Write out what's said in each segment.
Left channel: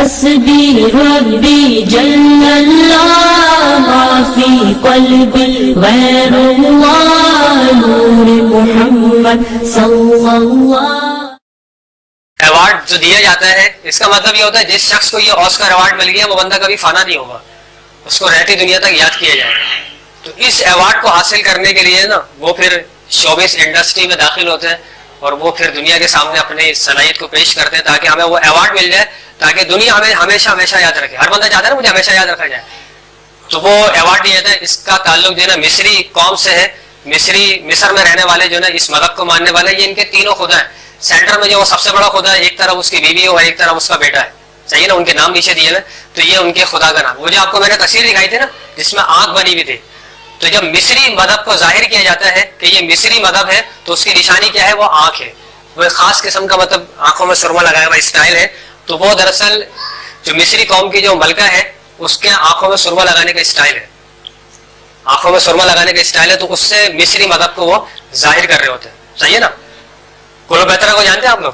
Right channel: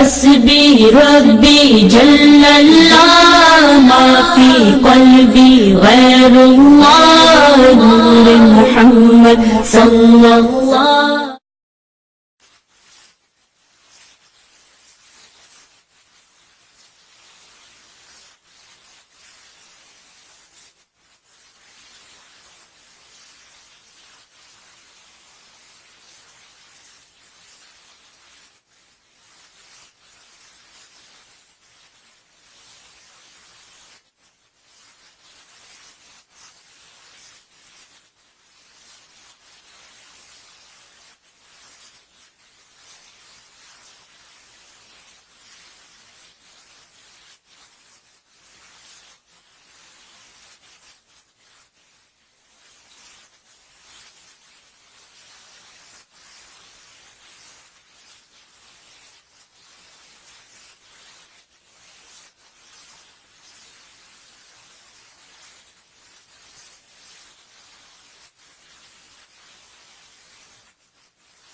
حسبی ربی جل اللہ ما فی قلبی غیر اللہ نور محمد صلی اللہ. ایوارڈ جو دیا جاتا ہے اس کا مطلب یہ ہوتا ہے جس شخص کو یہ آسکر ایوارڈ مل گیا وہ بندہ کبھی فنا نہیں ہوگا, اس کو رہتی دنیا تک یاد کیا جائے گا. تو اس ایوارڈ کو حاصل کرنے کے لیے نا وہ پھر شوبز انڈسٹری میں داخل ہوتے ہیں اور وہ پھر دنیا کے سامنے اپنی صلاحیت کو پیش کرتے ہیں تاکہ ہمیں وہ ایوارڈ مل جائے, تاکہ دنیا ہمیں ہمیشہ ہمیشہ یاد رکھے. ہر بندہ چاہتا ہے نا مجھے ہمیشہ یاد رکھا جائے, تو وہ ایوارڈ دیا جاتا ہے. اس کا تعلق جو ہے نا مصری قوم سے ہے. مصر میں رہنے والے جو ہے نا اس مذہب کو ماننے والے, یہ ان کے تینوں خدا ہیں. سینٹر میں جو وہ سب سے بڑا خدا ہے, ایک طرف اس کی بیوی ہو اور ایک طرف اس کا بیٹا ہے, صحیح نا, ان کے نام نیچے دیے ہوئے. تو یہ ان کے خدا کا نام. وہ جو آپ کو میں نے تصویر دکھائی تھی نا جس میں آنکھ بنی ہوئی تھی, تو جب مصری مذہب کو ظاہر کیا جاتا ہے کہ یہ مصری مذہب ہے تو اس کی نشانی کیا ہے, وہ آنکھ ہے. وہ ایک خاص قسم کا مطلب آنکھوں میں سرما لگایا ہوا اسٹائل ہے. تو وہ دراصل جو مصری قوم کی جو ملکہ ہے اس کے آنکھوں میں سرما لگانے کا اسٹائل ہے, آنکھوں میں سرما لگانے کا اسٹائل ہے. تو اس سے مصری مذہب کو وہ ظاہر کر رہے ہوتے ہیں, صحیح ہے نا. کلوپیترا کو جانتے ہیں آپ لوگ,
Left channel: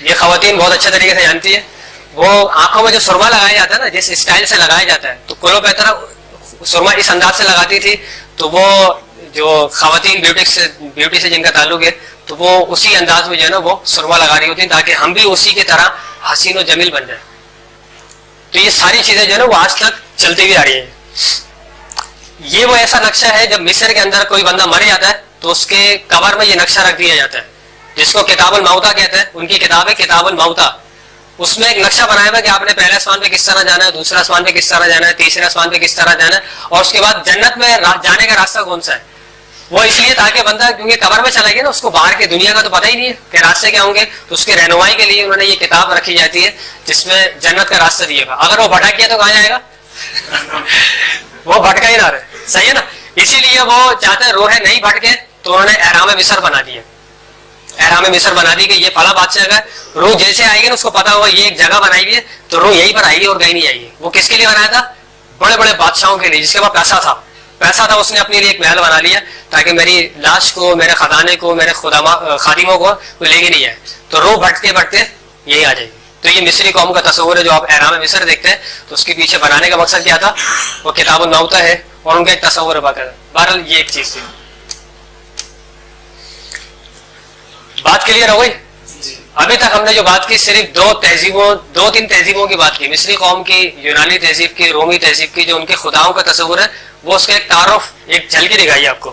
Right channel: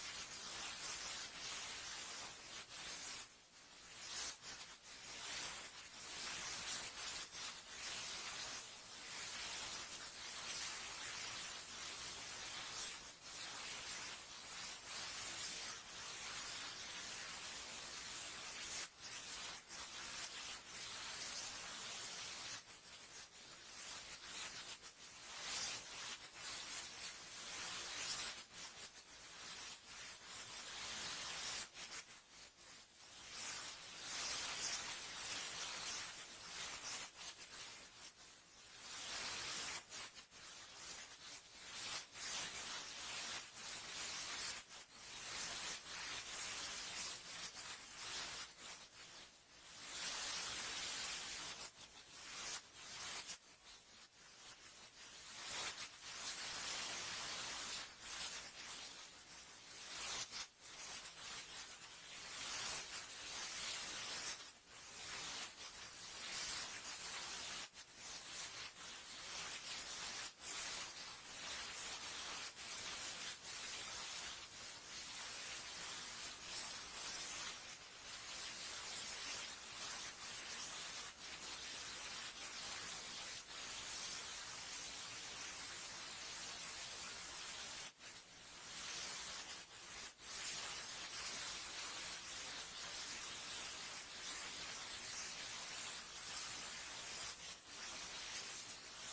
یہ خواتین بہت اچھے طریقے سے جانتی ہے. وہ آنکھوں میں جو سرما لگایا جاتا ہے نا جس اسٹائل سے لگایا جاتا ہے, تو کلوپیترا سرما اس انداز سے لگاتی تھی. تو وہ جو خواتین بیوٹی سے جن کا تعلق ہے تو وہ اسی انداز میں جو ہے نا وہ سرما لگا رہی ہوتی ہیں تاکہ ہم بھی اسی کی طرح حسین و جمیل بن جائیں. تو یہ ساری چیزیں جو ہے نا وہ آج تک چلتی ہوئی آ رہی ہیں. یہ وہ ایسا نقشہ ہے جب مصر کے اندر کوئی بندہ مر جاتا ہے تو اس کے قبر میں یہ نقشہ رکھ دیا جاتا ہے جس کو کتاب الموتا کہتے ہیں. ان کی کتاب ہے کتاب الموتا. اس میں ایک نقشہ بنایا ہوا کہ آپ نے پہلے آسمان پہ کس طرح جانا ہے, دوسرے آسمان پہ کس طرح جانا ہے, تیسرے آسمان پہ کس طرح جانا ہے, اور اس کے بعد جنت میں جانے کا راستہ کون سا ہے. وہ اس لیے تاکہ بندہ کیونکہ قبر میں چلا گیا نا اس کو باہر کی دنیا کا تو پتہ ہی نہیں ہے کہ راستے کیا ہوں گے, تو اس کے رہنمائی کے لیے انہوں نے یہ کتاب رکھی جاتی ہے جس میں جنت کا راستہ دیا گا. اگر وہ بھٹک گیا تو کہاں جائے گا, وہ بھٹکا ہی نہ رہے, صحیح ہے نا. اسی لیے وہ چاہتے ہیں روحیں نہیں بھٹکے تو انہوں نے احرام مصر بنا دیا. احرام مصر بنا دی کہ یہ فلاں بادشاہ کا روح جیسے آئے گی نا اس کو پتا ہوگا یہ ایک جگہ بنائی ہوئی ہے تو روح یہیں پر آئے گی اور کہیں نہیں آئے گی. وہ کس کے لیے بنایا تھا, بڑے بڑے بادشاہوں کے لیے جس کے پاس پیسہ تھا اس نے اپنے لیے ایک محل بنا لیا تاکہ میری لاش کو, میرے خزانے کو, میرے خادموں کو کوئی لے کے نہیں جائے. تو روح بھٹکتے بھٹکتے یہی آ جائے گی. تو یہ مصری قوم کا تصور ہے جو آپ احرام مصر دیکھتے ہیں, تو اس کے پیچھے بنانے کا مقصد کیا تھا, وہ کتاب الموتا ہے اور ان کا ایک تصور ہے باقاعدہ. بہرحال یہ ایک چیز تھی. بات کلیئر ہو گئی. ابھی تک ہم نے جو بات کی صرف دو تین تہذیبوں کی بات کی, مصری قوم کی, یونانی تہذیب کی, رومی تہذیب کی, جو ان کے خداؤں کا تصور ہے وہ اس کا ایک تعارف, ایک جھلکی دکھائی آپ کو.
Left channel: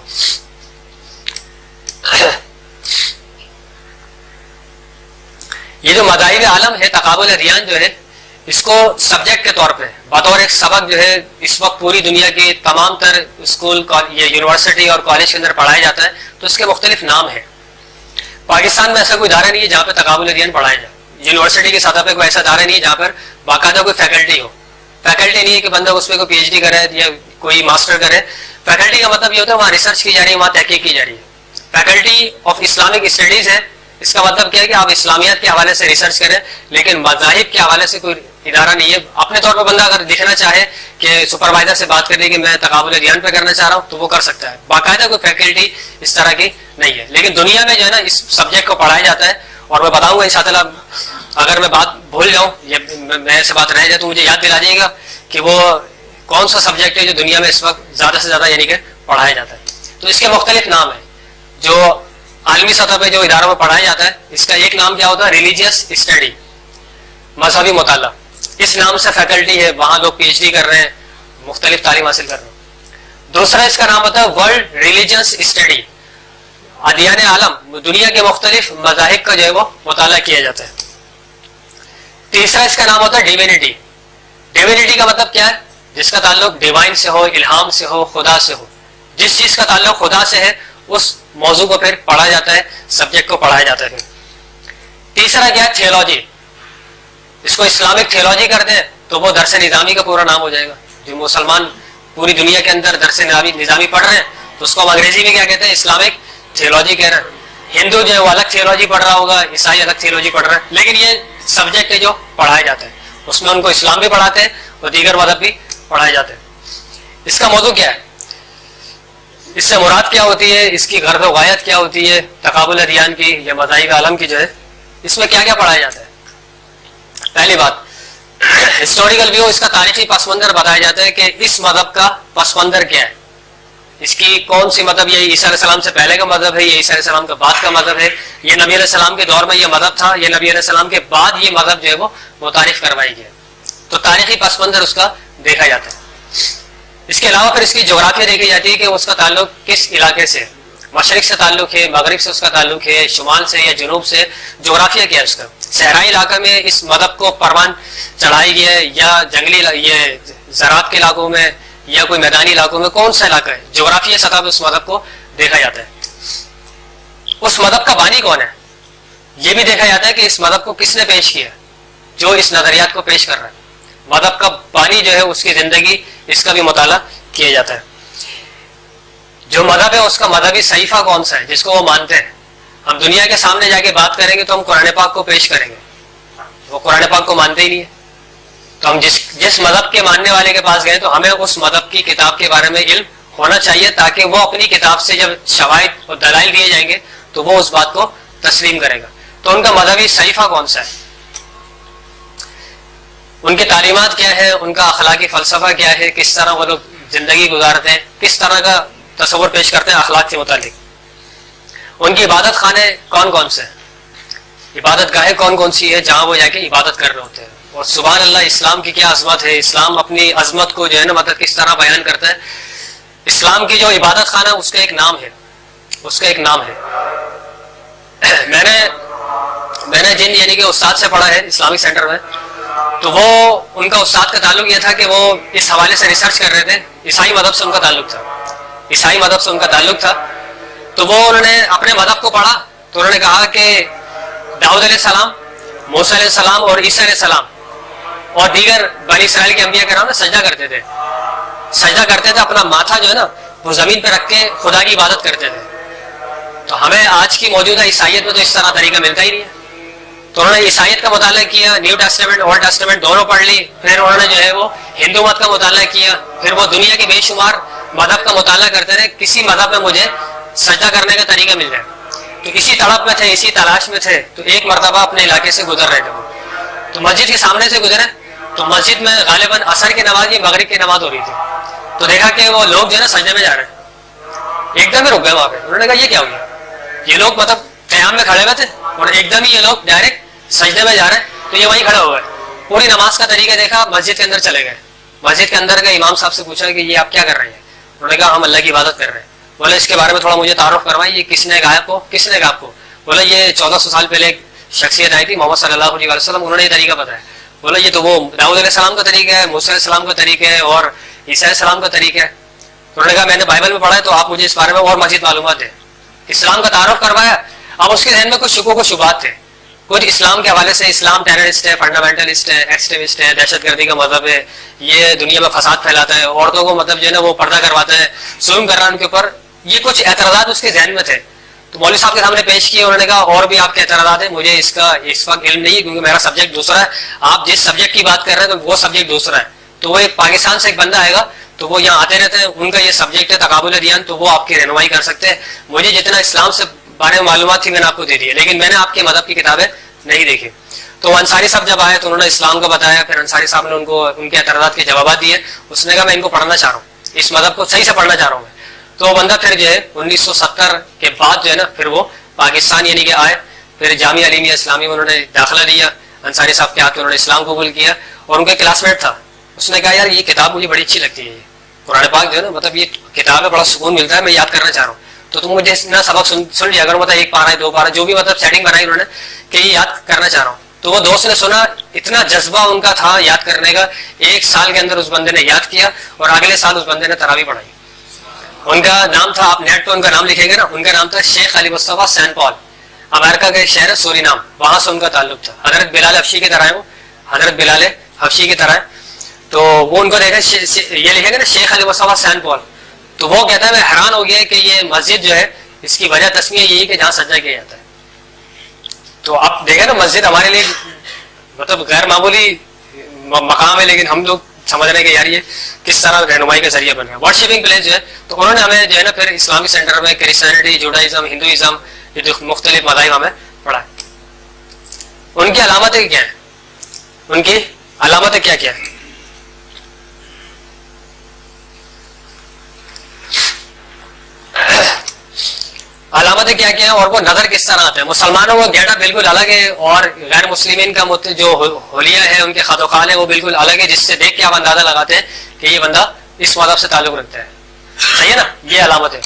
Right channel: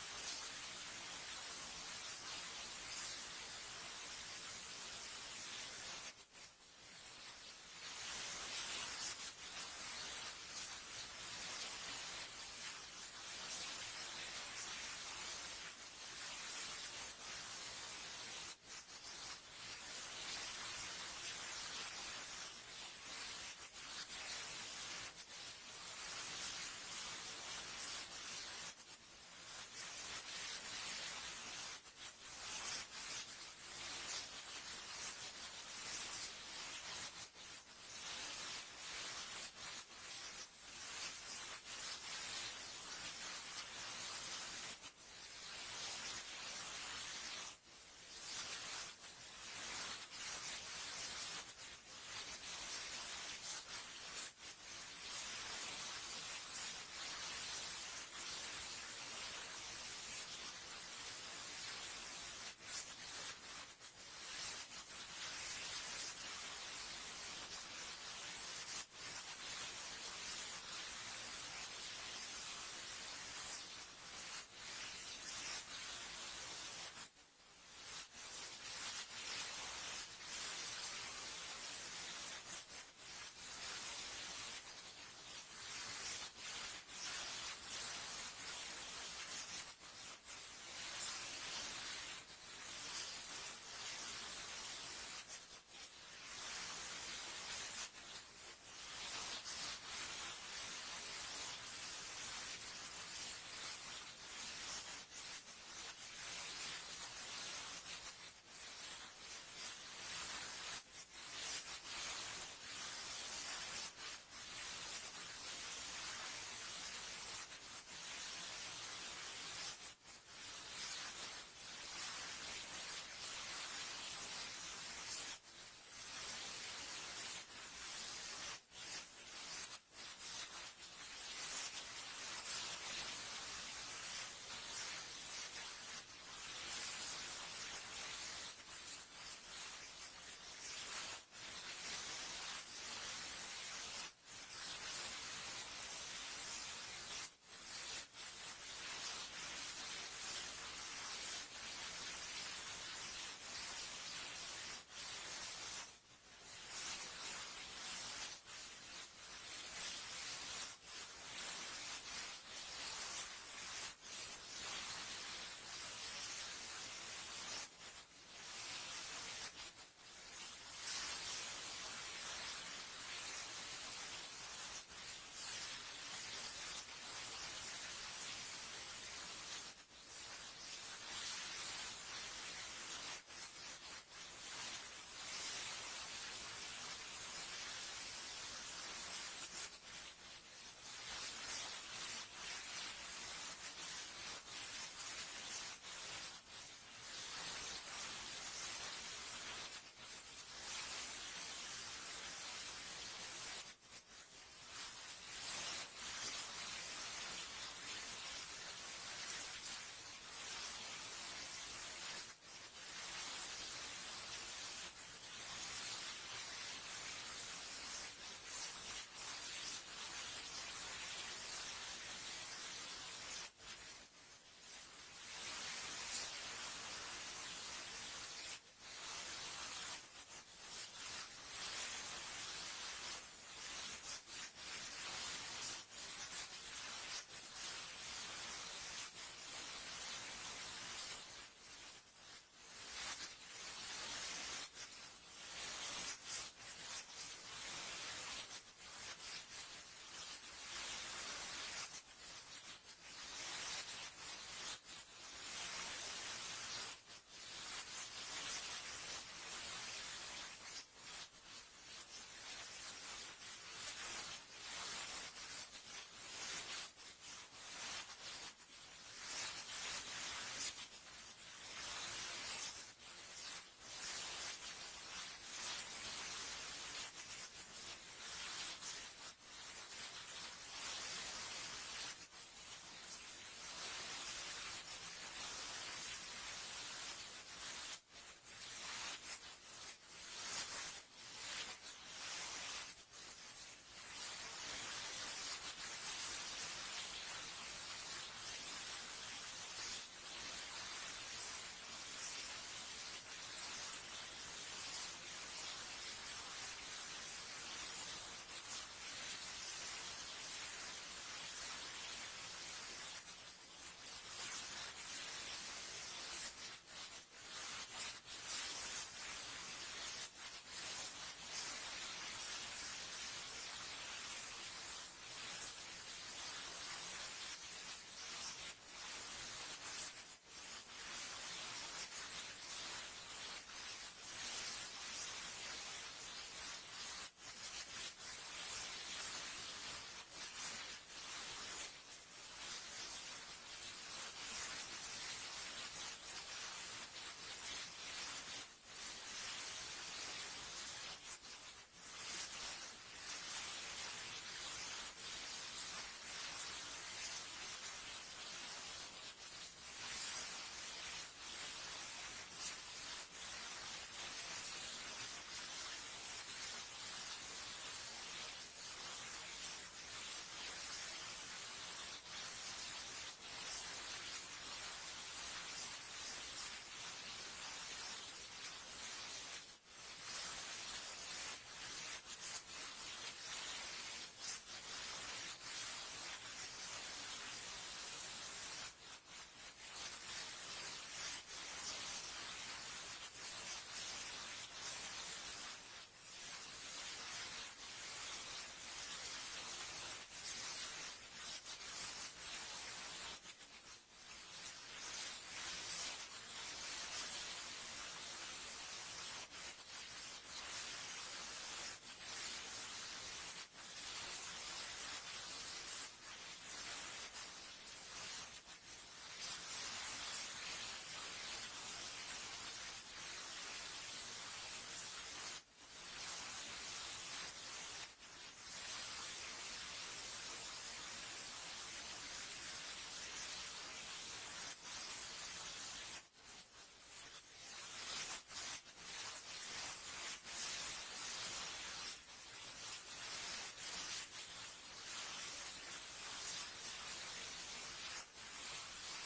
یہ جو مذاہب عالم ہے, تقابل ادیان جو ہے, اس کو سبجیکٹ کے طور پہ بطور ایک سبق جو ہے اس وقت پوری دنیا کے تمام تر اسکول, یونیورسٹی اور کالج کے اندر پڑھایا جاتا ہے. تو اس کے مختلف نام ہیں. پاکستان میں ایسا کوئی ادارہ نہیں ہے جہاں پہ تقابل ادیان پڑھایا جائے. یونیورسٹی کی سطح پہ کوئی ایسا ادارہ نہیں ہے جہاں پر باقاعدہ کوئی فیکلٹی ہو. فیکلٹی نہیں ہے کہ بندہ اس پہ کوئی پی ایچ ڈی کرے یا کوئی ماسٹر کرے. فیکلٹی کا مطلب یہ ہوتا ہے وہاں ریسرچ کی جا رہی ہے, وہاں تحقیق کی جا رہی ہے. فیکلٹی آف اسلامک اسٹڈیز ہے, اس کا مطلب کیا ہے کہ آپ اسلامیات کے حوالے سے ریسرچ کریں, لیکن مذاہب کے حوالے سے کوئی ادارہ نہیں ہے. اپنے طور پہ بندہ اگر دیکھنا چاہے کہ سپروائزر سے بات کرنے کہ میں تقابل ادیان پہ کرنا چاہ رہا ہوں تو وہ کر سکتا ہے. باقاعدہ کوئی فیکلٹی اس طرح کی نہیں ہے. لیکن دنیا میں جو ہے نا اس سبجیکٹ کو پڑھایا جاتا ہے, اور میں بتاؤں گا انشاءاللہ. اگر میں بات بھول جاؤں یا میں سے بات رہ جائے تو مجھے یاد دلا جائے گا کہ وہ کون سا سبجیکٹ ہے جو دنیا میں اس وقت زیادہ سے زیادہ یعنی کہ پڑھایا جاتا ہے. تو اس کے مختلف نام ہیں جو عالمی سطح پہ جو اداروں میں پڑھایا جاتا ہے. اس کا ایک نام کیا ہوتا ہے, ریلیجیس اسٹڈی, مذہبی مطالعہ. اس نام سے فیکلٹی ہے, وہاں لوگ پی ایچ ڈی کر رہے ہیں, مختلف تعلیم حاصل کر رہے ہیں. دوسرا اس کا نام ہوتا ہے ورلڈ ریلیجنس اسٹڈی, ادیان عالم, دنیا کے مختلف مذاہب کا جو ہے وہ مطالعہ کیا جاتا ہے. تیسرا اس کا نام ہوتا ہے ڈیوینٹی. ڈیوینٹی کا مطلب کیا ہے, جس کا تعلق ڈیوائن سے ہو, الہام سے ہو, خدا سے ہو. جس چیز کا تعلق خدا سے ہے اس موضوع کو پھر پڑھا جاتا ہے, سبجیکٹ کو پڑھایا جاتا ہے. تیسرا کیا ہے, تھیولوجی. اس کو اسلامک تھیولوجی کرتے ہیں تو وہ درس نظامی کا پورا نام ہو جائے گا. جو مسلمان پوری دنیا کے اندر درس نظامی پڑھ رہے ہیں تو اس کو ہم انگریزی میں کیا کہتے ہیں, اسلامک تھیولوجی کہہ رہے ہیں. ہندو جو ہے وہ الگ تھیولوجی پڑھ رہا ہوگا, عیسائی الگ تھیولوجی پڑھ رہا ہے, لیکن یہ سبجیکٹ ہے جو پڑھایا جاتا ہے. اس میں ان کو اسلام بھی پڑھاتے ہیں اور دیگر مذہب بھی پڑھائے جاتے ہیں. اس کا موضوع کیا ہے, اس سے مراد کیا ہوتی ہے, اس کی غرض و غایت کیا ہوتی ہے, تقابل ادیان کی یا مذاہب عالم کی جو ہے, اس میں کیا کیا پڑھایا جاتا ہے. پہلی بات ہسٹوریکل ویو، اس کا تاریخی پس منظر بتایا جاتا ہے کہ اس مذہب کا پس منظر کیا ہے، اس کی کون سی مذہب، یہ عیسیٰ علیہ السلام سے پہلے کا مذہب ہے، یہ عیسیٰ علیہ السلام کے بعد کا مذہب ہے، یہ نبی علیہ السلام کے دور میں یہ مذہب تھا، یہ نبی علیہ السلام کے بعد یہ مذہب جو ہے وہ متعارف کروائی گیا. تو تاریخی پس منظر اس کا دیکھا جاتا ہے. اس کے علاوہ پھر اس کی جغرافیہ دیکھی جاتی ہے کہ اس کا تعلق کس علاقے سے، مشرق سے تعلق ہے، مغرب سے اس کا تعلق ہے، شمال سے یا جنوب سے، جغرافیہ کیا ہے اس کا. صحرائی علاقہ میں اس مذہب کو پروان چڑھائی گیا ہے یا جنگلی یہ زراعت کے علاقوں میں یا کوئی میدانی علاقوں میں، کون سا علاقہ ہے، جغرافیہ سطح پہ اس مذہب کو دیکھا جاتا ہے. اس مذہب کا بانی کون ہے یہ بھی دیکھا جاتا ہے کہ اس مذہب کو کس نے پیش کیا، جو اس نظریات کو پیش کر رہا ہے. مذہب کا بانی جو ہے اس کی زندگی، اس کا بھی مطالعہ کیا جاتا ہے. جو مذہب ہے اس کا مذہبی صحیفہ کون سا ہے جس کو وہ مانتے ہیں. ہم دنیا کے سامنے جا کے بات کریں گے تو ہم قرآن پاک کو پیش کریں گے، وہ قرآن پاک کو مانتے ہی نہیں ہے. تو ہم جس مذہب کے ماننے والے کے پاس گئے تو ہمیں اس مذہب کی کتاب کے بارے میں علم ہونا چاہیے، تاکہ وہ اپنی کتاب سے جب شواہد اور دلائل دیے جائیں گے تو وہ اس بات کو تسلیم کرے گا. تو ان کا مذہبی صحیفہ کون سا ہے، ان کی تعلیمات کیا ہے، ان کا اخلاقی فلسفہ کیا ہے، کس طرح وہ لوگ زندگی گزارتے ہیں، کس طرح کا تصور پیش کرتے ہیں اخلاق کے متعلق. ان کی عبادت خانے کون کون سے ہیں، عبادت گاہیں کون کون سی ہے جہاں وہ جا کے عبادت کر رہے ہوتے ہیں. اور سبحان اللہ، اسلام کی کیا عظمت ہے، اسلام اپنی عظمت کو جو ہے نا مطلب کس طرح بیان کرتا ہے. اسلام کی جو عبادت خانہ اس کا ایک نام ہے، اس کا ایک نام ہے. میں نے جن یعنی کہ استاد سے پڑھا ہے اسلامک سینٹر میں، تو وہ ان کا استاد کا تعلق یہ تھا کہ وہ اس حوالے سے ریسرچ کر رہے تھے. عیسائی مذہب سے ان کا تعلق تھا، عیسائی مذہب سے ان کا تعلق تھا. تو وہ انہوں نے اپنے مذہب کو پڑھا تو انہوں نے کہا کہ داؤد علیہ السلام، موسیٰ علیہ السلام اور عیسیٰ علیہ السلام اور دیگر بنی اسرائیل کے انبیاء کرام نے سجدہ کرتے تھے، اپنا ماتھا جو ہے نا وہ زمین پہ رکھ کے خدا کی عبادت کرتے تھے. تو ہمیں آج کی موجودہ عیسائیت میں تو اس طرح طریقہ ملتا ہی نہیں ہے. تو انہوں نے عیسائیت کا مطالعہ کیا، نیو ٹیسٹمنٹ اولڈ ٹیسٹمنٹ دونوں پڑھ لی. پھر انہوں نے جو ہے وہ ہندو مت کا مطالعہ کیا. پھر وہ دنیا کے بے شمار مذہب کا مطالعہ کرتے رہے، کسی مذہب میں مجھے سجدہ کرنے کا طریقہ مل جائے. تو اسی تڑپ میں تھے، اسی تلاش میں تھے. تو ایک مرتبہ اپنے علاقے سے گزر رہے تھے وہ، تو مسجد کے سامنے سے گزرے تو مسجد میں غالباً عصر کی نماز یا مغرب کی نماز ہو رہی تھی. تو دیکھا کہ وہ لوگ جو ہے نا سجدے میں جا رہے ہیں. ایک دم ہی رک گئے وہاں پہ. انہوں نے کہا یہ کیا ہو گیا، یہ لوگ مطلب قیام میں کھڑے ہوئے تھے اور ایک دم ہی یہ لوگ ڈائریکٹ سجدے میں جا رہے ہیں. تو یہ وہیں کھڑے ہو گئے. پوری نماز کا طریقہ دیکھا، مسجد کے اندر چلے گئے. مسجد کے اندر گئے، امام صاحب سے پوچھا کہ یہ آپ کیا کر رہے ہیں. انہوں نے کہا ہم اللہ کی عبادت کر رہے ہیں. بولے اس کے بارے میں تھوڑا مجھے تعارف کروائیں، یہ کس نے کہا آپ کو، کس نے کہا آپ کو. بولے یہ 1400 سال پہلے ایک شخصیت آئی تھی محمد صلی اللہ علیہ وسلم، انہوں نے یہ طریقہ بتایا. بولا یہ تو وہ داؤد علیہ السلام کا طریقہ ہے، موسیٰ علیہ السلام کا طریقہ ہے اور عیسیٰ علیہ السلام کا طریقہ ہے. انہوں نے کہا میں نے بائبل میں پڑھا ہے، تو آپ مجھے اس بارے میں اور مزید معلومات دیں. اسلام کا تعارف کروایا. اب اس کے ذہن میں کچھ شکوک و شبہات تھے، کچھ اسلام کے حوالے سے، اسلام ٹیررسٹ ہے، فنڈامنٹلسٹ ہے، ایکسٹریمسٹ ہے، دہشت گردی کا مذہب ہے، یہ دنیا میں فساد پھیلاتا ہے، عورتوں کو مطلب جو ہے نا وہ پردہ کرواتا ہے، ظلم کر رہا ہے ان کے اوپر. یہ کچھ اعتراضات اس کے ذہن میں تھے. تو مولوی صاحب کے سامنے پیش کیے. انہوں نے کہا اور بھی آپ کے اعتراضات ہیں، مجھے اس کا اس وقت علم نہیں ہے کیونکہ میرا سبجیکٹ دوسرا ہے. آپ جس سبجیکٹ کی بات کر رہے ہیں تو وہ سبجیکٹ دوسرا ہے. تو وہ ایک پاکستان سے ایک بندہ آئے گا تو وہ یہاں آتے رہتے ہیں، ان کا یہ سبجیکٹ ہے تقابل ادیان، تو وہ آپ کی رہنمائی کر سکتے ہیں. مجھے جتنا اسلام سے بارے میں معلومات تھی میں نے آپ کو دے دی ہے، لیکن میں نے آپ کے مذہب کی کتابیں نہیں دیکھی. تو انصاری صاحب جب آئے تو انہوں نے اسلام کا بتایا. پھر انصاری صاحب نے ان کو ان کے اعتراضات کے جوابات دیے. اس نے کہا میں ان کو پڑھنا چاہ رہا ہوں، اس مذہب کو صحیح سے پڑھنا چاہ رہا ہوں. تو وہ بندہ پھر جو ہے 1970 کے بعد جو ہے نا پھر وہ پاکستان یعنی کہ آئے. پھر جامعہ علیمیہ اسلامی میں انہوں نے داخلہ لیا. انصاری صاحب کے ہاتھ میں انہوں نے اسلام قبول کیا اور ان کے کلاس میٹ تھا. اس نے کہا یار یہ کتاب مجھے بڑی اچھی لگتی ہے، قرآن پاک جو ہے نا مطلب یہ کتاب ہے، بڑا سکون ملتا ہے، میں یاد کرنا چاہ رہا ہوں. تو تم مجھے اتنا سبق سن لیا اگر مطلب ایک پارہ ہے، 2 پارہ جو بھی مطلب سیٹنگ بنائی انہوں نے کہ یہ یاد کرنا چاہ رہا ہوں. تو وہ دوست نے سنا، اتنا جذبہ ان کا تھا یاد کرنے کا. 1 سال کے اندر اس بندے نے یاد کیا اور اگلے سال اس بندے نے تراویح پڑھائی. ان کا نام تھا، آپ نیٹ پہ ان کا نام لکھیں گے نا، ان کا نام تھا شیخ علی مصطفیٰ سین پال. امریکہ کا ایک شہر ہے سورینام، وہاں سے ان کا تعلق تھا. حضرت بلال حبشی کی طرح ہے، وہ حضرت بلال حبشی کی طرح ہے. تو وہ ان کو دیکھا یہ لکھیں گے نا شیخ علی مصطفیٰ سین پال. تو وہ کہتا ہے میں حیران ہو گیا کہ یہ مسجد جو ہے اس کی وجہ تسمیہ یہی کہ جہاں سجدہ کیا جاتا ہے. تو آپ دیکھیں نا مسجد ہمارے لیے مطلب غیر معمولی مقام ہے، لیکن ہم لوگ سمجھ رہے ہیں کہ یار یہ کس طرح رہنمائی کا ذریعہ بن گیا. ورشپنگ پلیس جو ہے، تو انہوں نے ہمیں جو ہے نا پھر اسلامک سینٹر میں کرسچینٹی، جوڈائزم، ہندوازم، یہ جو مختلف مذاہب ہمیں پڑھا ہے. ان کی علامتیں کیا ہیں؟ ان کی علامتیں کیا کیا ہے. علامتیں کیا کیا ہیں اور وہ نظر کس طرح آتے ہیں. مسلمانوں کا گیٹ اپ بالکل الگ ہے اور غیر مسلمین کا جو حلیہ ہے ان کے خط و خال ہے وہ بالکل الگ ہے, جس سے دیکھ کے آپ اندازہ لگاتے ہیں کہ یہ بندہ اس مذہب سے تعلق رکھتا ہے. صحیح ہے نا, یہ علامت ہے.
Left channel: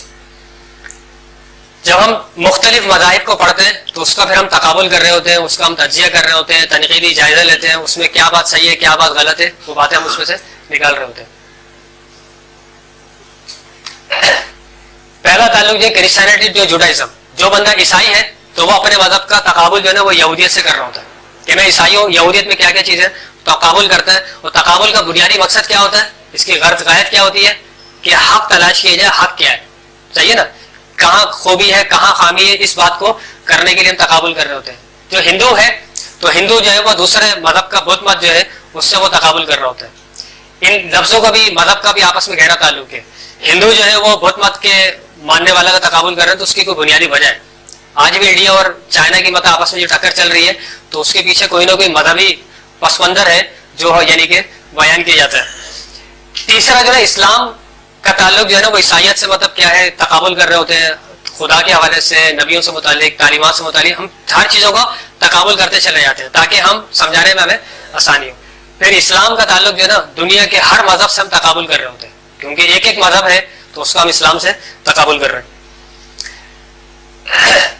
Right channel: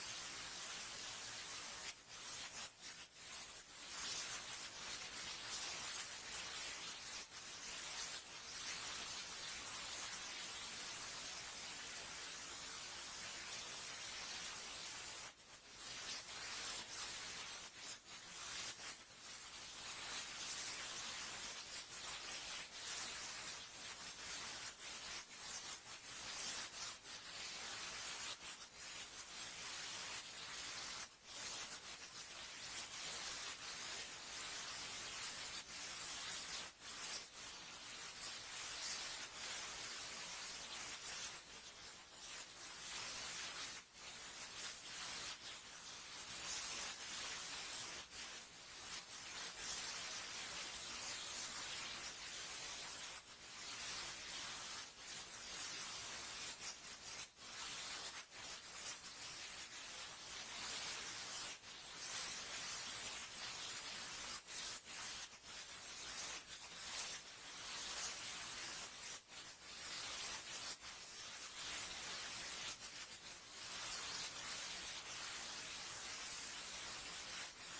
جب ہم مختلف مذاہب کو پڑھتے ہیں تو اس کا پھر ہم تقابل کر رہے ہوتے ہیں, اس کا ہم تجزیہ کر رہے ہوتے ہیں, تنقیدی جائزہ لیتے ہیں, اس میں کیا بات صحیح ہے کیا بات غلط ہے, وہ باتیں ہم اس میں سے نکال رہے ہوتے ہیں. پہلا تعلق جو کرسچینٹی جو جوڈائزم, جو بندہ عیسائی ہے تو وہ اپنے مذہب کا تقابل جو ہے نا وہ یہودیت سے کر رہا ہوتا ہے کہ میں عیسائی ہوں, یہودیت میں کیا کیا چیز ہے تقابل کرتا ہے. اور تقابل کا بنیادی مقصد کیا ہوتا ہے, اس کی غرض غایت کیا ہوتی ہے کہ حق تلاش کیا جائے, حق کیا ہے. صحیح ہے نا, کہاں خوبی ہے کہاں خامی ہے, اس بات کو کرنے کے لیے ہم تقابل کر رہے ہوتے ہیں. جو ہندو ہے تو ہندو جو ہے وہ دوسرے مذہب کا بدھ مت جو ہے اس سے وہ تقابل کر رہا ہوتا ہے. ان لفظوں کا بھی مذہب کا بھی آپس میں گہرا تعلق ہے. ہندو جو ہے وہ بدھ مت کے ماننے والا کا تقابل کر رہے ہیں تو اس کی کوئی بنیادی وجہ ہے. آج بھی انڈیا اور چائنا کی مطلب آپس میں جو ٹکر چل رہی ہے تو اس کے پیچھے کوئی نہ کوئی مذہبی پس منظر ہے جو یعنی کہ بیان کیا جاتا ہے. تیسرا جو ہے اسلام کا تعلق جو ہے نا وہ عیسائیت سے مطلب کیا ہے تقابل کر رہے ہوتے ہیں, خدا کے حوالے سے, نبیوں سے متعلق, تعلیمات سے متعلق ہم ہر چیزوں کا تقابل کرتے چلے جاتے ہیں تاکہ ہم سمجھانے میں ہمیں آسانی ہو. پھر اسلام کا تعلق جو ہے نا دنیا کے ہر مذہب سے ہم تقابل کر رہے ہوتے ہیں کیونکہ ایک ایک مذہب ہے تو اس کا ہم اسلام سے تقابل کر رہے ہیں.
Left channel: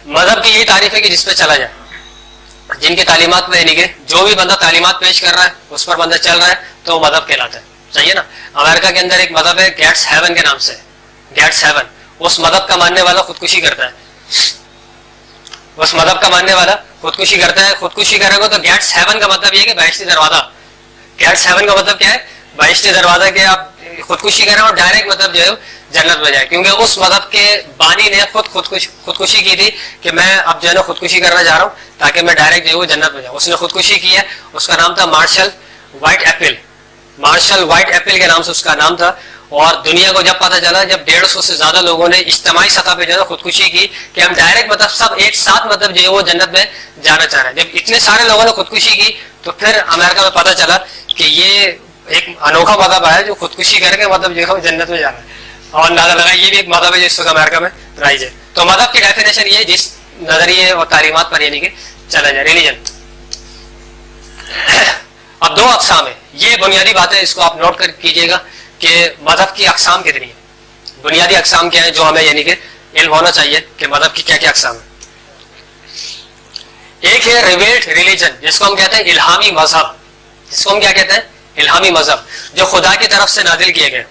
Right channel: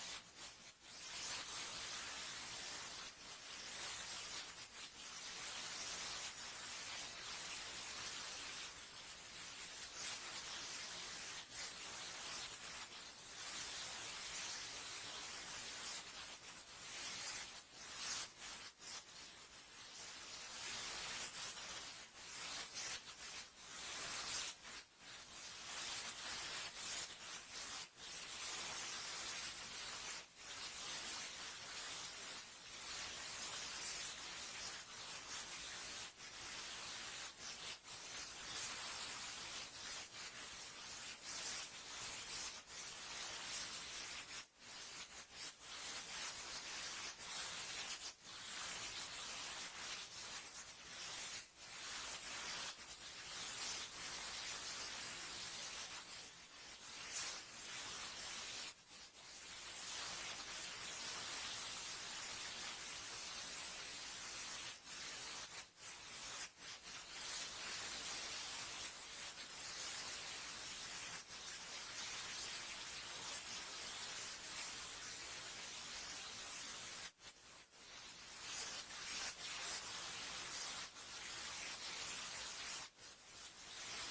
مذہب کی یہی تعریف ہے کہ جس پہ چلا جائے, جن کی تعلیمات میں یعنی کہ جو بھی بندہ تعلیمات پیش کر رہا ہے اس پر بندہ چل رہا ہے تو وہ مذہب کہلاتا ہے. صحیح ہے نا. امریکہ کے اندر ایک مذہب ہے گیٹس ہیون کے نام سے, گیٹس ہیون, اس مذہب کا ماننے والا خودکشی کرتا ہے. اس مذہب کا ماننے والا خودکشی کرتا ہے. خودکشی کرے گا تو گیٹس ہیون کا مطلب یہ ہے کہ بہشتی دروازہ. گیٹس ہیون کا مطلب کیا ہے, بہشتی دروازہ. کہ آپ خودکشی کریں اور ڈائریکٹ مطلب جو ہے جنت میں جائے, کیونکہ اس مذہب کے بانی نے خود خودکشی کی تھی کہ میں اب جو ہے نا خودکشی کرنا چاہ رہا ہوں تاکہ میں ڈائریکٹ جو ہے وہ جنت میں جاؤں. اس نے خودکشی کی ہے, اس کا نام تھا Marshall White Apple. Marshall White Apple کے نام سے اس کا نام تھا. اور دنیا کو جب پتا چلا, جب 150 سے زیادہ لوگوں نے اجتماعی سطح پہ جو ہے خودکشی کی کہ ہم ڈائریکٹ مطلب سب ایک ساتھ مطلب جو ہے وہ جنت میں جانا چاہ رہے ہیں, جب اتنے سارے لوگوں نے خودکشی کی تو پھر امریکہ میں پتا چلا کہ یہ ایک انوکھا مذہب آیا جو خودکشی کر کے مطلب جو ہے جنت میں جا رہا ہے. اور اندازہ لگا یہ بھی ایک مذہب ہے جس وقت امریکہ میں رائج ہے. تو مذہب کی ڈیفینیشن یہ جس نظریے اور تعلیمات پر یعنی کہ چلا جائے, ریلیجن. اب دو اقسام ہے, یہ بنیادی بات ہے, اس کو آپ نوٹ کر کیجئے گا کہ مذہب کی اقسام کتنی ہیں. بنیادی اقسام کیا ہے جو ہمیں یعنی کہ علم ہونا چاہیے کہ مذہب کی کیا کیا اقسام ہے. ایک ہے ریویلڈ ریلیجن جس کو ہم کہتے ہیں الہامی مذہب. جس کو ہم کیا کہتے ہیں الہامی مذہب, جو خدا کی طرف سے نازل کیے گئے,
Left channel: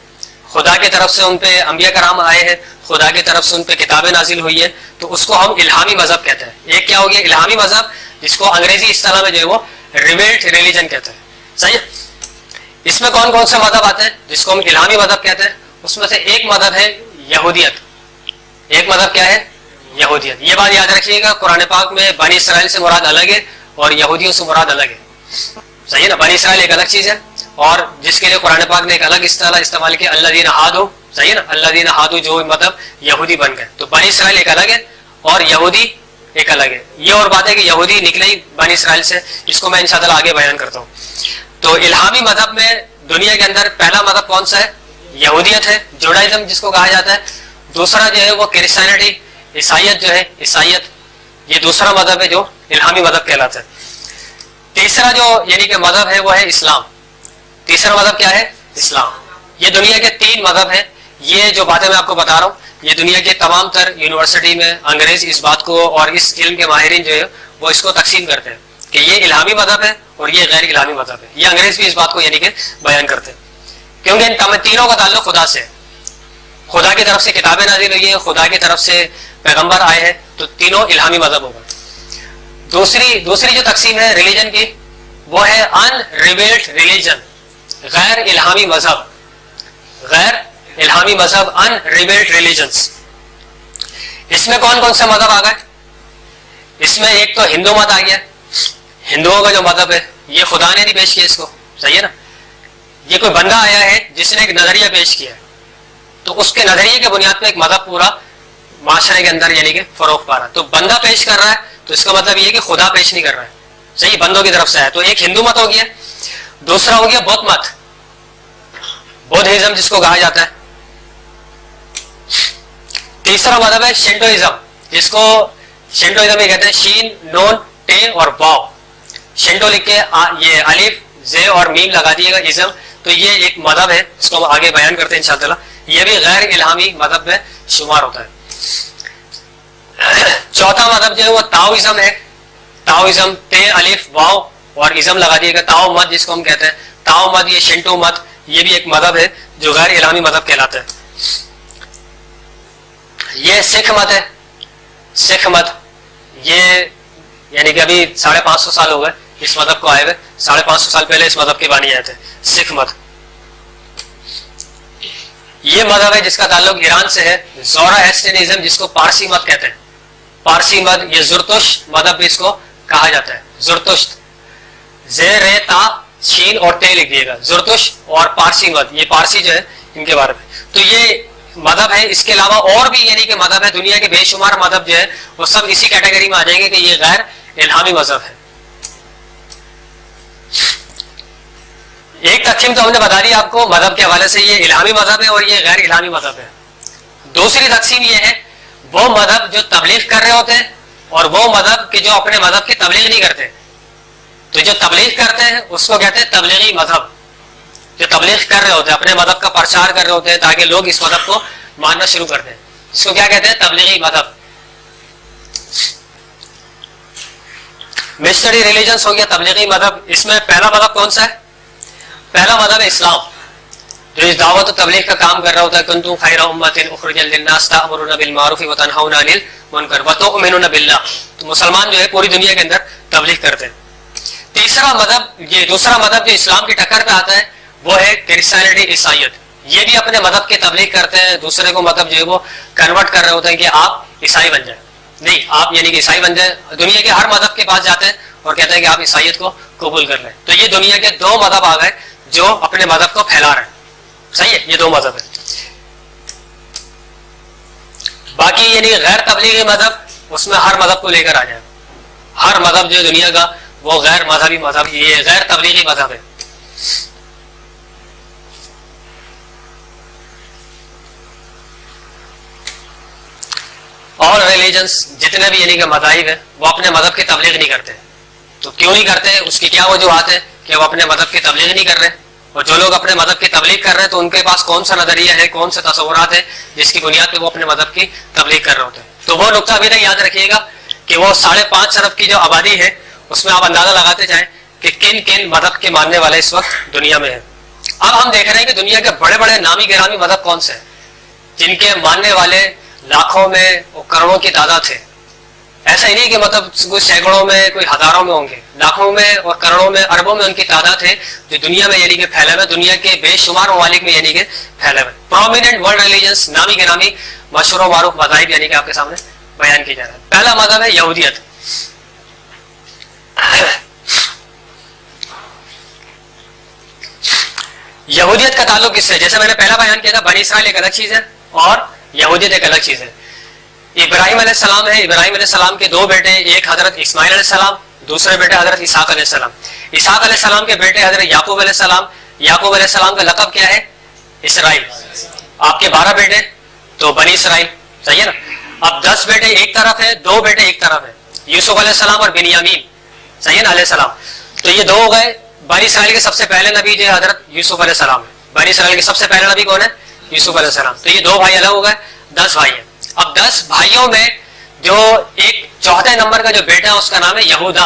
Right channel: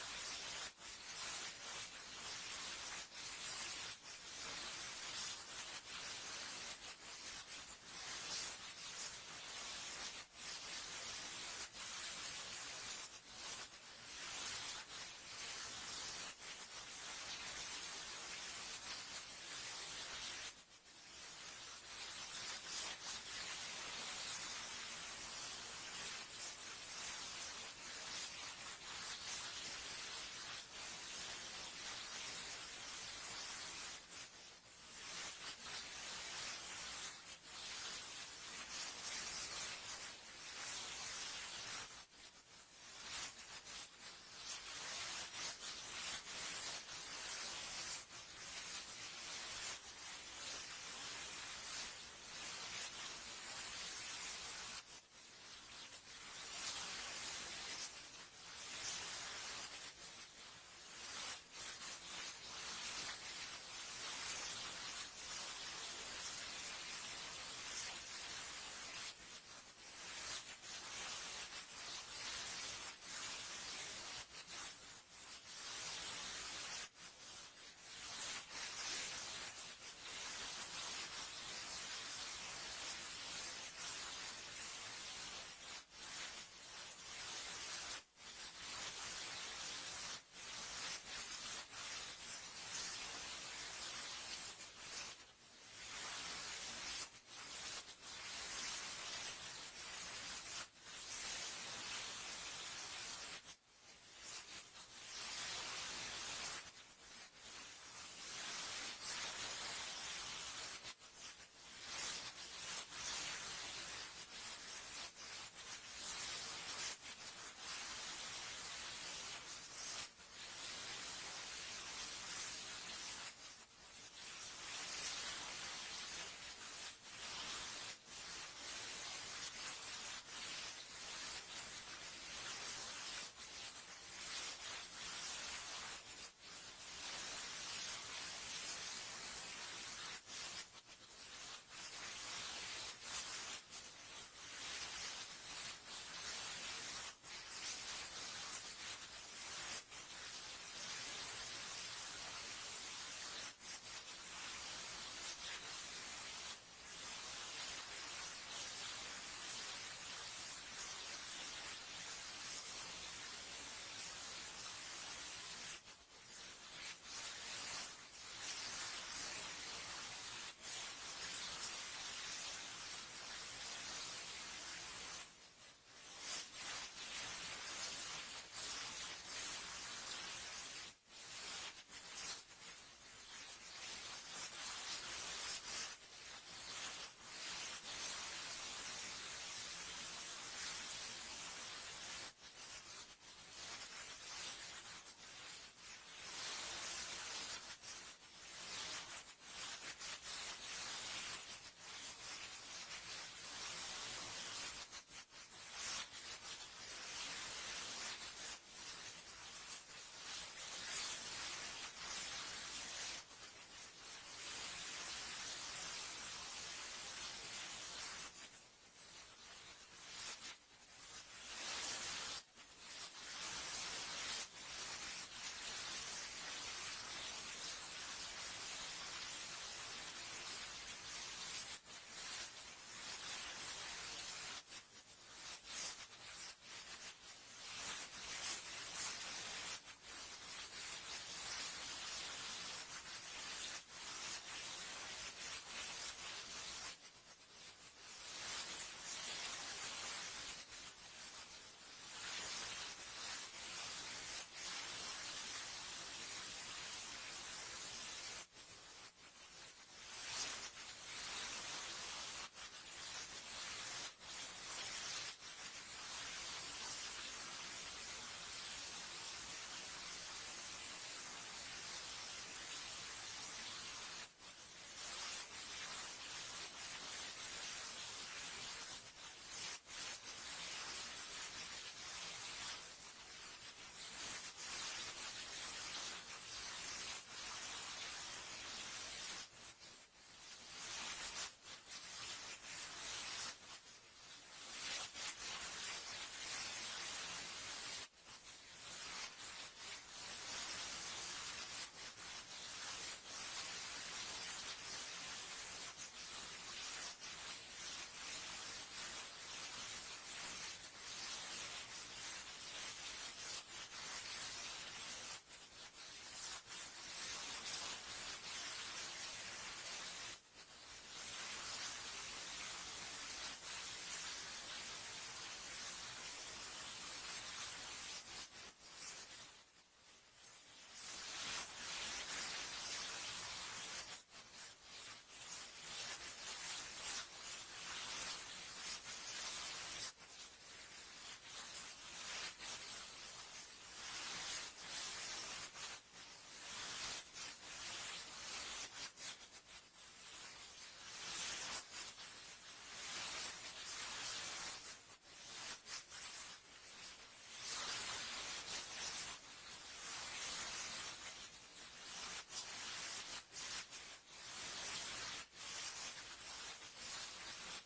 خدا کی طرف سے ان پہ انبیاء کرام آئے ہیں, خدا کی طرف سے ان پہ کتابیں نازل ہوئی ہیں, تو اس کو ہم الہامی مذہب کہتے ہیں. ایک کیا ہو گیا الہامی مذہب جس کو انگریزی اصطلاح میں جو ہے وہ ریویلڈ ریلیجن کہتے ہیں. صحیح. اس میں کون کون سے مذہب آتے ہیں جس کو ہم الہامی مذہب کہتے ہیں؟ اس میں سے ایک مذہب ہے یہودیت. ایک مذہب کیا ہے یہودیت. یہ بات یاد رکھیے گا, قرآن پاک میں بنی اسرائیل سے مراد الگ ہے اور یہودیوں سے مراد الگ ہے. صحیح ہے نا. بنی اسرائیل ایک الگ چیز ہے اور جس کے لیے قرآن پاک نے ایک الگ اصطلاح استعمال کی, اللہ دین ہادو. صحیح ہے نا. اللہ دین ہادو جو مطلب یہودی بن گئے. تو بنی اسرائیل ایک الگ ہے اور یہودی ایک الگ ہے. یہ اور بات ہے کہ یہودی نکلے ہی بنی اسرائیل سے, جس کو میں انشاءاللہ آگے بیان کرتا ہوں. تو الہامی مذہب میں دنیا کے اندر پہلا مذہب کون سا ہے؟ یہودیت ہے, جوڈائزم جس کو کہا جاتا ہے. دوسرا جو ہے وہ کرسچینٹی, عیسائیت جو ہے, عیسائیت یہ دوسرا مذہب ہے جو الہامی مذہب کہلاتا ہے. تیسرا جو یعنی کہ مذہب ہے وہ ہے اسلام. تیسرا مذہب کیا ہے؟ اسلام. یہ دنیا کے 3 مذہب ہیں. یہ جو باتیں میں آپ کو بتا رہا ہوں یہ دنیا کے تمام تر یونیورسٹی میں انگریز اس بات کو اور اس علم کے ماہرین جو ہے وہ اس کو تقسیم کرتے ہیں کہ یہ الہامی مذہب ہے اور یہ غیر الہامی مذہب ہے. یہ انگریز بھی اس بات کو یعنی کہ بیان کرتے ہیں کیونکہ ان تینوں کا تعلق خدا سے ہے. خدا کی طرف سے کتابیں نازل ہوئی ہیں, خدا کی طرف سے پیغمبر آئے ہیں, تو تینوں الہامی مذہب ہوگا. دوسری جو تقسیم ہے ریلیجن کی وہ ہے ان ریویلڈ ریلیجن, غیر الہامی مذہب. غیر الہامی مذہب ان ریویلڈ ریلیجنز. اس میں کون کون سے مذہب آ گئے؟ اس میں ایک تو ہندو مت آ گیا. ہندوؤں کا جو مذہب ہے یہ خدا نے نہیں پیش کیا اس کو. صحیح ہے نا. یہ کوئی بندہ آیا ہے جس نے ایک نظریہ پیش کیا ہے, تو اس کے نظریے کے بنیاد پہ ایک مذہب پورا معاشرے کے اندر یعنی کہ فروغ پا رہا ہے. تو بندہ پیش کر رہا ہے تو اس کا مطلب یہ ہے کہ خدا پیش نہیں کر رہا ہے. صحیح, بندوں کی طرف سے ہے. تو ایک ہندو مت ہو گیا, دوسرا ہو گیا بودھ مت، بودھزم جس کو کہا جاتا ہے. تیسرا مذہب ہے شنٹوئزم، جس کو شنٹوئزم یہ کہتے ہیں، شین نون ٹے اور واو. شنٹو لکھ کے یہ الف زے اور میم لگا دیے گا، ازم. تو یہ ایک مذہب ہے جس کو ہم آگے بیان کرتے ہیں انشاءاللہ. یہ بھی غیر الہامی مذہب میں شمار ہوتا ہے. چوتھا مذہب جو ہے وہ تاؤزم ہے. تاؤزم تے الف واو اور ازم لگا دیے گا. تاؤ مت جس کو ہم کہتے ہیں، تاؤ مت یہ شنٹو مت، یہ بھی ایک مذہب ہے جو غیر الہامی مذہب کہلاتا ہے. یہ سکھ مت ہے. سکھ مت یہ یعنی کہ ابھی 550 سال ہو گئے اس مذہب کو آئے ہوئے. 550 سال پہلے اس مذہب کے بانی آئے تھے، سکھ مت. یہ مذہب ہے جس کا تعلق ایران سے ہے. زورااسٹرنزم جس کو پارسی مت کہتے ہیں، پارسی مت. یہ زرتشت مذہب بھی اس کو کہا جاتا ہے. زرتشت زیر تا شین اور تے لکھ دیے گا. زرتشت اور پارسی مت، یہ پارسی جو ہے ان کے بارے میں. تو یہ مذہب ہے. اس کے علاوہ اور بھی یعنی کہ مذہب ہے. دنیا کے بے شمار مذہب جو ہے وہ سب اسی کیٹیگری میں آ جائیں گے کہ یہ غیر الہامی مذہب ہے. ایک تقسیم تو ہم نے بتا دی آپ کو مذہب کے حوالے سے، یہ الہامی مذہب ہے اور یہ غیر الہامی مذہب ہے. دوسری تقسیم یہ ہے وہ مذہب جو تبلیغ کر رہے ہوتے ہیں اور وہ مذہب کہ جو اپنے مذہب کی تبلیغ نہیں کرتے. تو جو تبلیغ کرتے ہیں اس کو کہتے ہیں تبلیغی مذہب. جو تبلیغ کر رہے ہوتے ہیں، اپنے مذہب کا پرچار کر رہے ہوتے ہیں تاکہ لوگ اس مذہب کو ماننا شروع کر دیں، اس کو کیا کہتے ہیں؟ تبلیغی مذہب. مسٹری ریلیجنس ہو گیا تبلیغی مذہب. اس میں پہلا مذہب کون سا ہے؟ پہلا مذہب ہے اسلام، جو اس دعوت و تبلیغ کا کام کر رہا ہوتا ہے. کنتم خیر امۃ اخرجت للناس تأمرون بالمعروف وتنہون عن المنکر وتؤمنون باللہ. تو مسلمان جو ہے پوری دنیا کے اندر تبلیغ کرتے ہیں. تیسرا مذہب، یہ دوسرا مذہب جو اسلام کی ٹکر پہ آتا ہے وہ ہے کرسچینٹی، عیسائیت. یہ بھی اپنے مذہب کی تبلیغ کرتے ہیں، دوسرے کو مطلب جو ہے وہ کنورٹ کر رہے ہوتے ہیں کہ آپ عیسائی بن جائیں. نہیں، آپ یعنی کہ عیسائی بن جائیں. دنیا کے ہر مذہب کے پاس جاتے ہیں اور کہتے ہیں کہ آپ عیسائیت کو قبول کر لیں. تو یہ دنیا کے دو مذہب آ گئے جو اپنے مذہب کو پھیلا رہے ہیں. صحیح ہے، یہ دو مذہب ہے. باقی یعنی غیر تبلیغی مذہب، اس میں ہر مذہب کو لے کر آ جائے. ہر مذہب جو دنیا کا وہ غیر مذہبی مذہب، یہ غیر تبلیغی مذہب ہے. اور ریلیجنس جتنے بھی یعنی کہ مذاہب ہیں وہ اپنے مذہب کی تبلیغ نہیں کرتے. تو کیوں نہیں کرتے؟ اس کی کیا وجوہات ہے کہ وہ اپنے مذہب کی تبلیغ نہیں کر رہے. اور جو لوگ اپنے مذہب کی تبلیغ کر رہے ہیں تو ان کے پاس کون سا نظریہ ہے، کون سے تصورات ہیں جس کی بنیاد پہ وہ اپنے مذہب کی تبلیغ کر رہے ہوتے ہیں. تو وہ نقطہ ابھی تک یاد رکھیے گا کہ وہ 5.5 ارب کی جو آبادی ہے اس میں آپ اندازہ لگاتے جائیں کہ کن کن مذہب کے ماننے والے اس وقت دنیا میں ہیں. اب ہم دیکھ رہے ہیں کہ دنیا کے بڑے بڑے نامی گرامی مذہب کون سے ہیں جن کے ماننے والے لاکھوں میں اور کروڑوں کی تعداد ہے. ایسا ہی نہیں کہ مطلب کوئی سینکڑوں میں کوئی ہزاروں میں ہوں گے، لاکھوں میں اور کروڑوں میں اربوں میں ان کی تعداد ہے جو دنیا میں یعنی کہ پھیلے ہوئے، دنیا کے بے شمار ممالک میں یعنی کہ پھیلے ہوئے. پرومیننٹ ورلڈ ریلیجنس، نامی گرامی مشہور و معروف مذاہب یعنی کہ آپ کے سامنے بیان کیا جا رہا ہے. پہلا مذہب ہے یہودیت. یہودیت کا تعلق کس سے؟ جیسے میں نے پہلا بیان کیا تھا، بنی اسرائیل ایک الگ چیز ہے اور یہودیت ایک الگ چیز ہے. ابراہیم علیہ السلام ہے، ابراہیم علیہ السلام کے دو بیٹے، ایک حضرت اسماعیل علیہ السلام، دوسرے بیٹے حضرت اسحاق علیہ السلام. اسحاق علیہ السلام کے بیٹے حضرت یعقوب علیہ السلام. یعقوب علیہ السلام کا لقب کیا ہے؟ اسرائیل. آپ کے 12 بیٹے تو بنی اسرائیل. صحیح ہے نا. اب 10 بیٹے ایک طرف ہے، 2 بیٹے ایک طرف ہے، یوسف علیہ السلام اور بنیامین. صحیح ہے نا، علیہ السلام. تو یہ 2 ہو گئے. بنی اسرائیل کے سب سے پہلے نبی جو ہے حضرت یوسف علیہ السلام ہے. بنی اسرائیل کے سب سے پہلے نبی کون ہے؟ یوسف علیہ السلام. تو یہ 2 بھائی الگ ہو گئے، 10 بھائی ہیں. اب 10 بھائیوں میں جو ایک چوتھے نمبر کا جو بیٹا ہے اس کا نام ہے یہودا.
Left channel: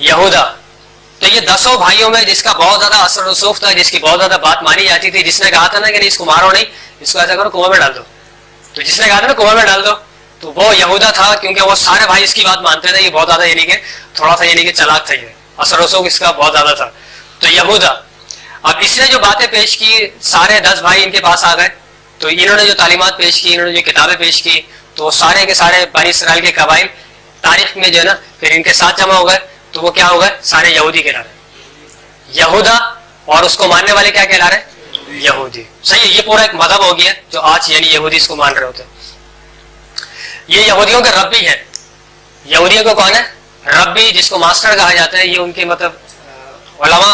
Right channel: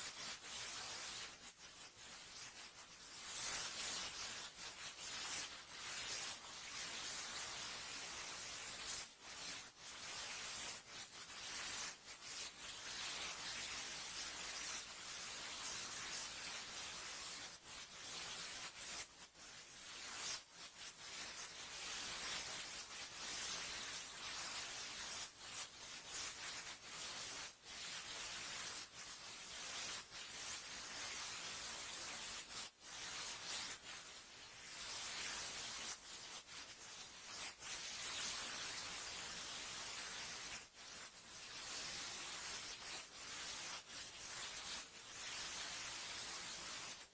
یہودا. تو یہ 10 بھائیوں میں جس کا بہت زیادہ اثر رسوخ تھا، جس کی بہت زیادہ بات مانی جاتی تھی، جس نے کہا تھا نا کہ نہیں اس کو مارو نہیں، اس کو ایسا کرو کنویں میں ڈال دو. تو جس نے کہا تھا نا کنویں میں ڈال دو، تو وہ یہودا تھا. کیونکہ وہ سارے بھائی اس کی بات مانتے تھے. یہ بہت زیادہ یعنی کہ تھوڑا سا یعنی کہ چلاک تھا، یہ اثر رسوخ اس کا بہت زیادہ تھا. تو یہودا. اب اس نے جو باتیں پیش کی، سارے 10 بھائی ان کے پاس آ گئے. تو انہوں نے جو تعلیمات پیش کی، انہوں نے جو کتابیں پیش کی، تو سارے کے سارے بنی اسرائیل کے قبائل تاریخ میں جو ہے نا پھر ان کے ساتھ جمع ہو گئے. تو وہ کیا ہو گئے؟ سارے یہودی کہلا رہے. یہودا اور اس کو ماننے والے کیا کہلا رہے؟ یہودی. صحیح ہے. یہ پورا ایک مذہب ہو گیا جو آج یعنی یہودی اس کو مان رہے ہوتے ہیں. یہ یہودیوں کے ربی ہے. یہودیوں کو کون ہے؟ ربی، جس کو ماسٹر کہا جاتا ہے. یہ ان کے مطلب علماء